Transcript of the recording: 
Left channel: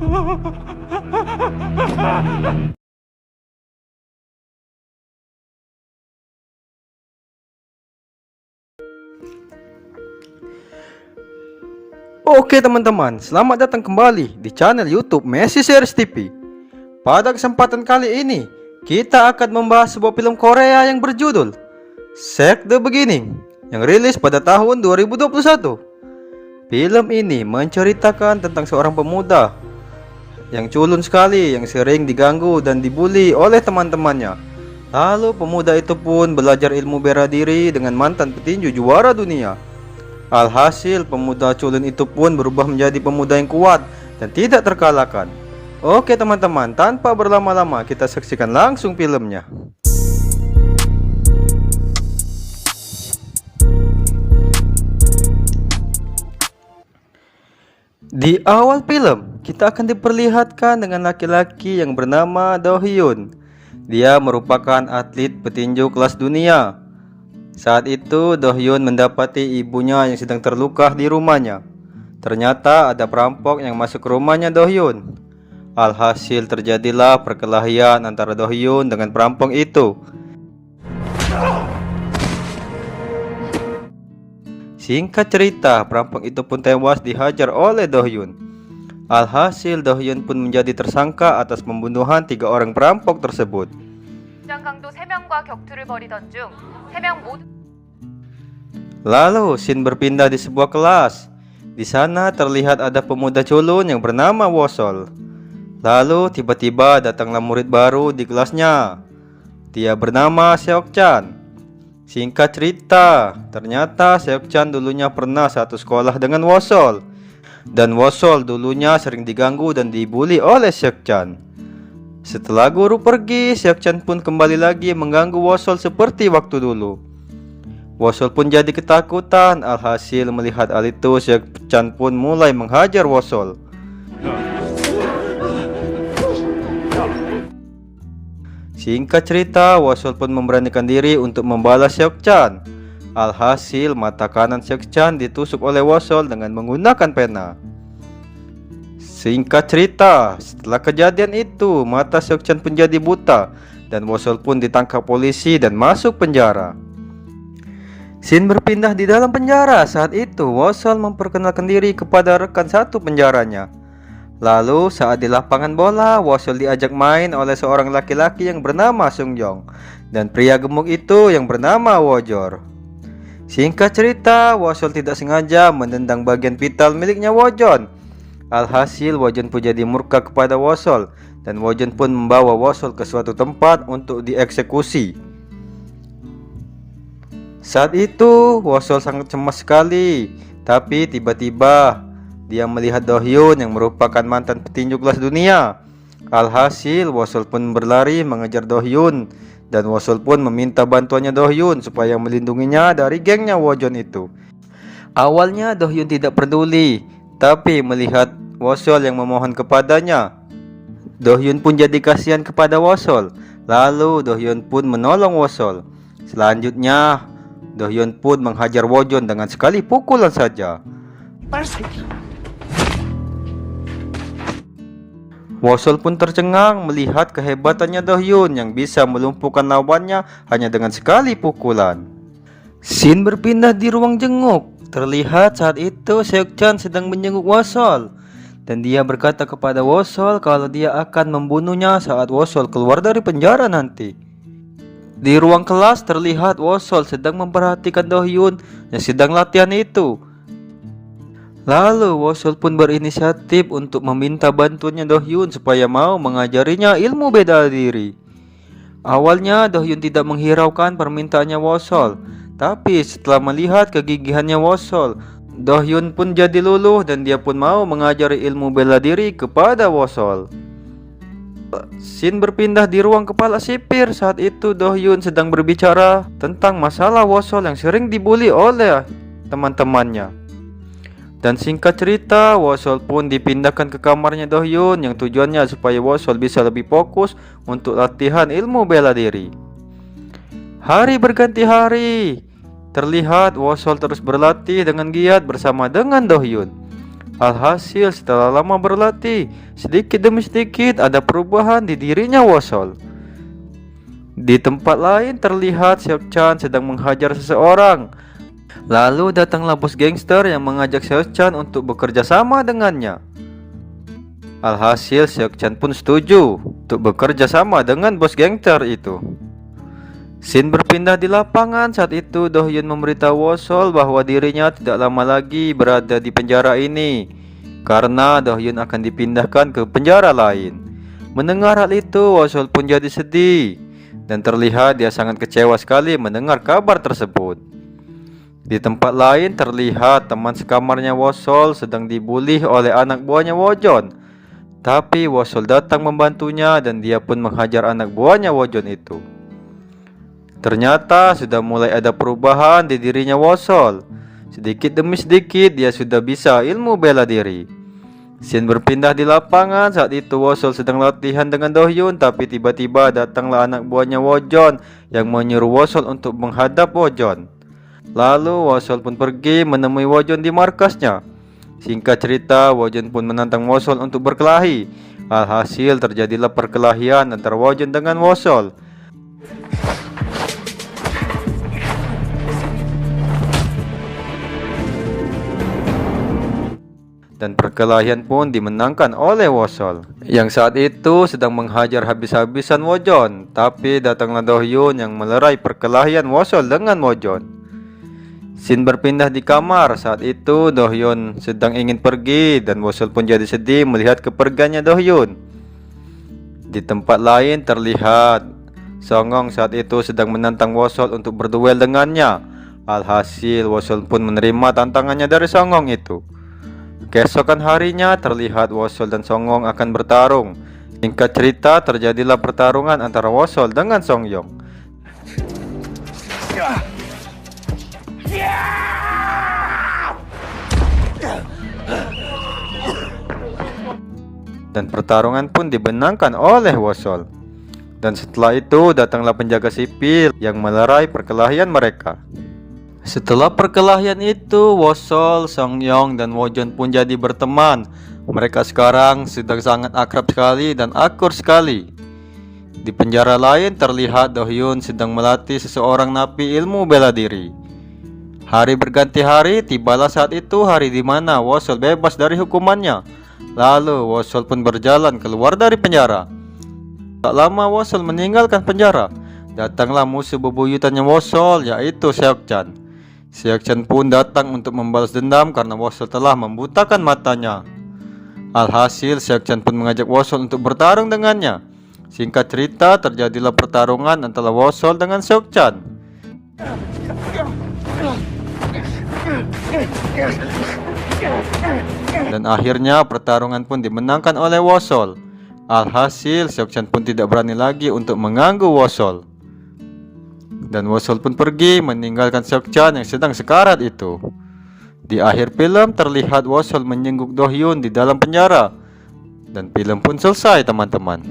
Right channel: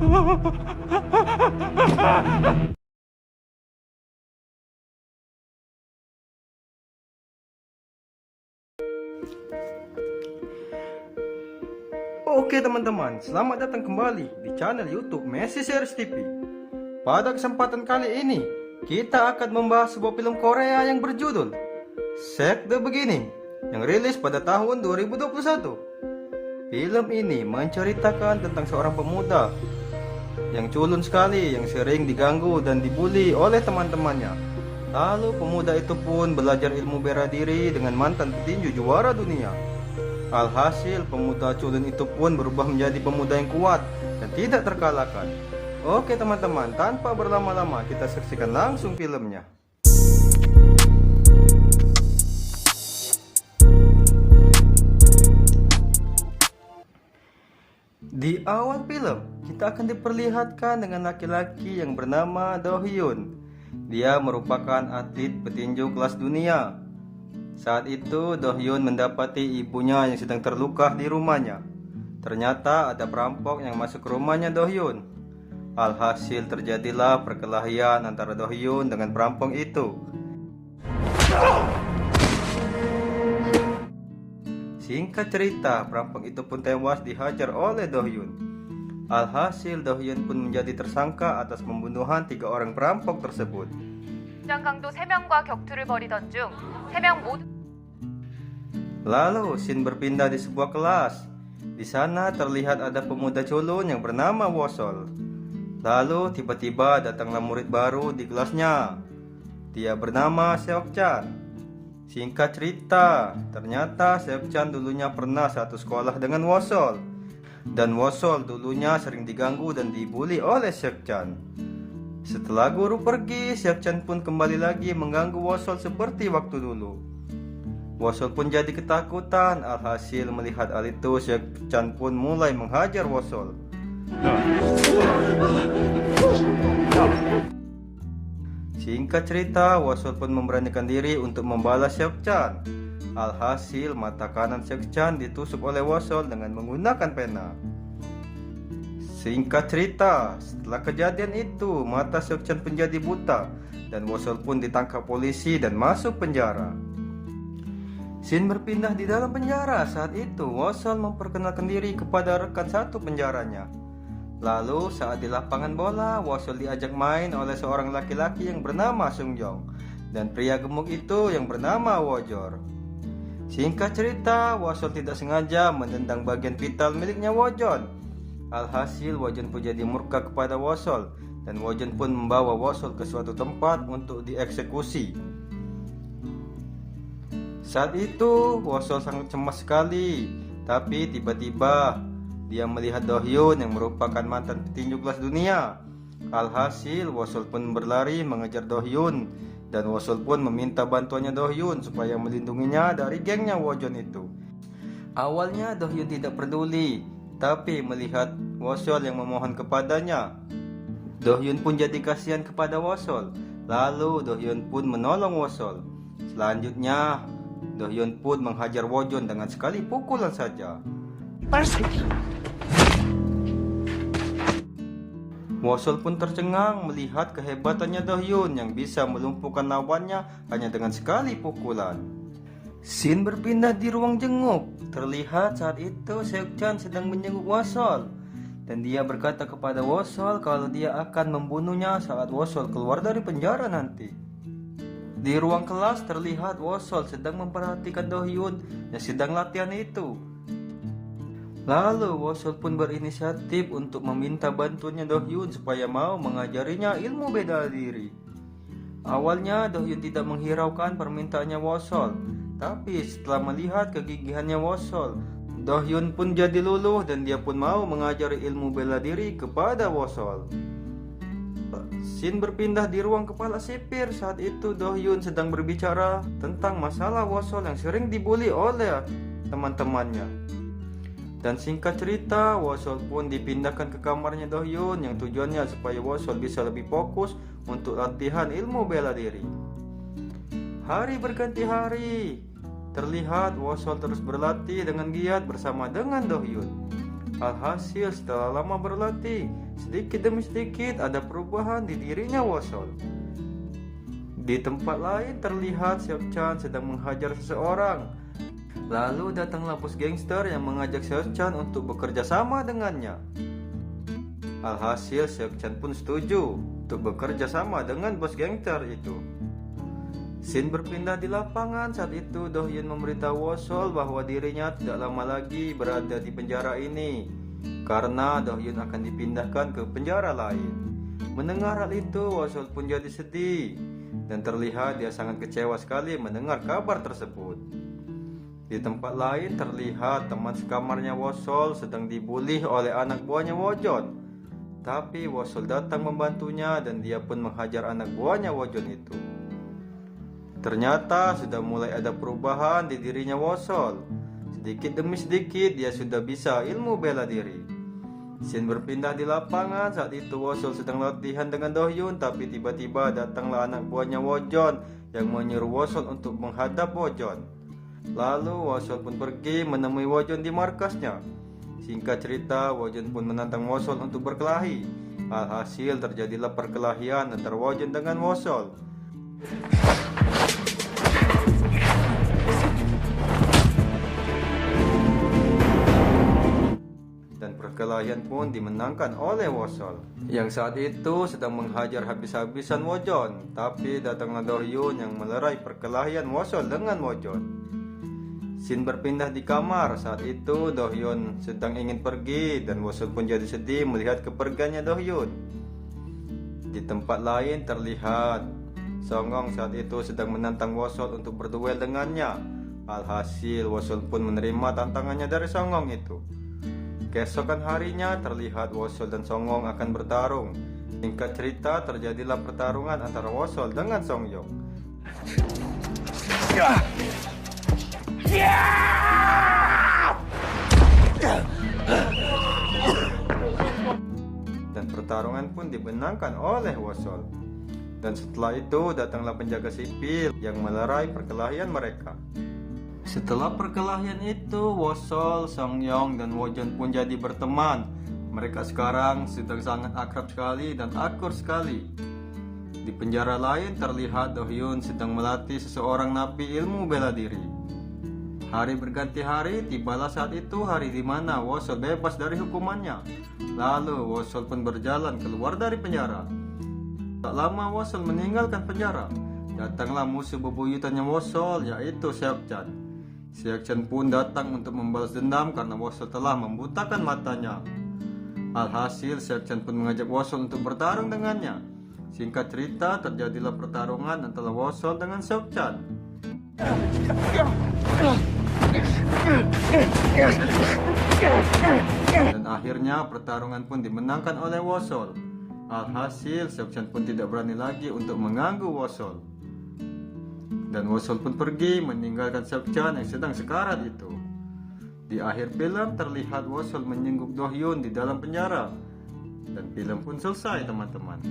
Oke teman-teman, selamat datang kembali di channel YouTube Messi Series TV. Pada kesempatan kali ini, kita akan membahas sebuah film Korea yang berjudul Shake the Beginning yang rilis pada tahun 2021. Film ini menceritakan tentang seorang pemuda yang culun sekali, yang sering diganggu dan dibully oleh teman-temannya. Lalu pemuda itu pun belajar ilmu bela diri dengan mantan petinju juara dunia. Alhasil pemuda culun itu pun berubah menjadi pemuda yang kuat dan tidak terkalahkan. Oke teman-teman, tanpa berlama-lama kita saksikan langsung filmnya. Di awal film, kita akan diperlihatkan dengan laki-laki yang bernama Do Hyun. Dia merupakan atlet petinju kelas dunia. Saat itu Do Hyun mendapati ibunya yang sedang terluka di rumahnya. Ternyata ada perampok yang masuk ke rumahnya Do Hyun. Alhasil terjadilah perkelahian antara Do Hyun dengan perampok itu. Singkat cerita, perampok itu pun tewas dihajar oleh Do Hyun. Alhasil Do Hyun pun menjadi tersangka atas pembunuhan 3 orang perampok tersebut. 강도 3명과 격투를 벌이던 중 3명 모두 Lalu scene berpindah di sebuah kelas. Di sana terlihat ada pemuda culun yang bernama Wosol. Lalu tiba-tiba datanglah murid baru di kelasnya. Dia bernama Seok-chan. Singkat cerita, ternyata Seok-chan dulunya pernah satu sekolah dengan Wosol. Dan Wosol dulunya sering diganggu dan dibully oleh Seok-chan. Setelah guru pergi, Seok-chan pun kembali lagi mengganggu Wosol seperti waktu dulu. Wosol pun jadi ketakutan. Alhasil melihat hal itu, Seok-chan pun mulai menghajar Wosol. Singkat cerita, Wosol pun memberanikan diri untuk membalas Seok-chan. Alhasil mata kanan Seok-chan ditusuk oleh Wosol dengan menggunakan pena. Singkat cerita, setelah kejadian itu, mata Seok-chan pun jadi buta dan Wosol pun ditangkap polisi dan masuk penjara. Scene berpindah di dalam penjara. Saat itu Wosol memperkenalkan diri kepada rekan satu penjaranya. Lalu saat di lapangan bola, Wosol diajak main oleh seorang laki-laki yang bernama Sungjong dan pria gemuk itu yang bernama Wojor. Singkat cerita, Wosol tidak sengaja menendang bagian vital miliknya Wojon. Alhasil Wojon pun jadi murka kepada Wosol dan Wojon pun membawa Wosol ke suatu tempat untuk dieksekusi. Saat itu Wosol sangat cemas sekali, tapi tiba-tiba dia melihat Do Hyun yang merupakan mantan petinju kelas dunia. Alhasil Wosol pun berlari mengejar Do Hyun dan Wosol pun meminta bantuannya Do Hyun supaya melindunginya dari gengnya Wojon itu. Awalnya Do Hyun tidak peduli, tapi melihat Wosol yang memohon kepadanya, Do Hyun pun jadi kasihan kepada Wosol. Lalu Do Hyun pun menolong Wosol. Selanjutnya Do Hyun pun menghajar Wojon dengan sekali pukulan saja. Wosol pun tercengang melihat kehebatannya Do Hyun yang bisa melumpuhkan lawannya hanya dengan sekali pukulan. Scene berpindah di ruang jenguk. Terlihat saat itu Seok-chan sedang menjenguk Wosol dan dia berkata kepada Wosol kalau dia akan membunuhnya saat Wosol keluar dari penjara nanti. Di ruang kelas terlihat Wosol sedang memperhatikan Do Hyun yang sedang latihan itu. Lalu Wosol pun berinisiatif untuk meminta bantuannya Do Hyun supaya mau mengajarinya ilmu bela diri. Awalnya Do Hyun tidak menghiraukan permintaannya Wosol, tapi setelah melihat kegigihannya Wosol, Do Hyun pun jadi luluh dan dia pun mau mengajari ilmu bela diri kepada Wosol. Scene berpindah di ruang kepala sipir. Saat itu Do Hyun sedang berbicara tentang masalah Wosol yang sering dibully oleh teman-temannya. Dan singkat cerita, Wosol pun dipindahkan ke kamarnya Do Hyun yang tujuannya supaya Wosol bisa lebih fokus untuk latihan ilmu bela diri. Hari berganti hari. Terlihat Wosol terus berlatih dengan giat bersama dengan Do Hyun. Alhasil setelah lama berlatih, sedikit demi sedikit ada perubahan di dirinya Wosol. Di tempat lain terlihat Seok-chan sedang menghajar seseorang. Lalu datanglah bos gangster yang mengajak Seok-chan untuk bekerja sama dengannya. Alhasil Seok-chan pun setuju untuk bekerja sama dengan bos gangster itu. Scene berpindah di lapangan. Saat itu Do-hyun memberitahu Wosol bahwa dirinya tidak lama lagi berada di penjara ini karena Do-hyun akan dipindahkan ke penjara lain. Mendengar hal itu, Wosol pun jadi sedih dan terlihat dia sangat kecewa sekali mendengar kabar tersebut. Di tempat lain terlihat teman sekamarnya Wosol sedang dibully oleh anak buahnya Wojon. Tapi Wosol datang membantunya dan dia pun menghajar anak buahnya Wojon itu. Ternyata sudah mulai ada perubahan di dirinya Wosol. Sedikit demi sedikit dia sudah bisa ilmu bela diri. Scene berpindah di lapangan. Saat itu Wosol sedang latihan dengan Do-hyun, tapi tiba-tiba datanglah anak buahnya Wojon yang menyuruh Wosol untuk menghadap Wojon. Lalu Wosol pun pergi menemui Wojon di markasnya. Singkat cerita, Wojon pun menantang Wosol untuk berkelahi. Alhasil terjadilah perkelahian antara Wojon dengan Wosol. Dan perkelahian pun dimenangkan oleh Wosol, yang saat itu sedang menghajar habis-habisan Wojon. Tapi datanglah Do-hyun yang melerai perkelahian Wosol dengan Wojon. Scene berpindah di kamar. Saat itu Do-hyun sedang ingin pergi dan Wosol pun jadi sedih melihat kepergiannya Do-hyun. Di tempat lain terlihat Song-ong saat itu sedang menantang Wosol untuk berduel dengannya. Alhasil Wosol pun menerima tantangannya dari Song-ong itu. Keesokan harinya terlihat Wosol dan Song-ong akan bertarung. Singkat cerita, terjadilah pertarungan antara Wosol dengan Song-yong. Dan pertarungan pun dimenangkan oleh Wosol. Dan setelah itu datanglah penjaga sipil yang melerai perkelahian mereka. Setelah perkelahian itu, Wosol, Song-yong, dan Wojon pun jadi berteman. Mereka sekarang sedang sangat akrab sekali dan akur sekali. Di penjara lain terlihat Do-hyun sedang melatih seseorang napi ilmu bela diri. Hari berganti hari, tibalah saat itu hari di mana Wosol bebas dari hukumannya. Lalu Wosol pun berjalan keluar dari penjara. Tak lama Wosol meninggalkan penjara. Datanglah musuh bebuyutannya Wosol, yaitu Seok-chan. Seok-chan pun datang untuk membalas dendam karena Wosol telah membutakan matanya. Alhasil Seok-chan pun mengajak Wosol untuk bertarung dengannya. Singkat cerita, terjadilah pertarungan antara Wosol dengan Seok-chan. Dan akhirnya pertarungan pun dimenangkan oleh Wosol. Alhasil Seok-chan pun tidak berani lagi untuk mengganggu Wosol. Dan Wosol pun pergi meninggalkan Seok-chan yang sedang sekarat itu. Di akhir film terlihat Wosol menyengguk Do-hyun di dalam penjara. Dan film pun selesai, teman-teman.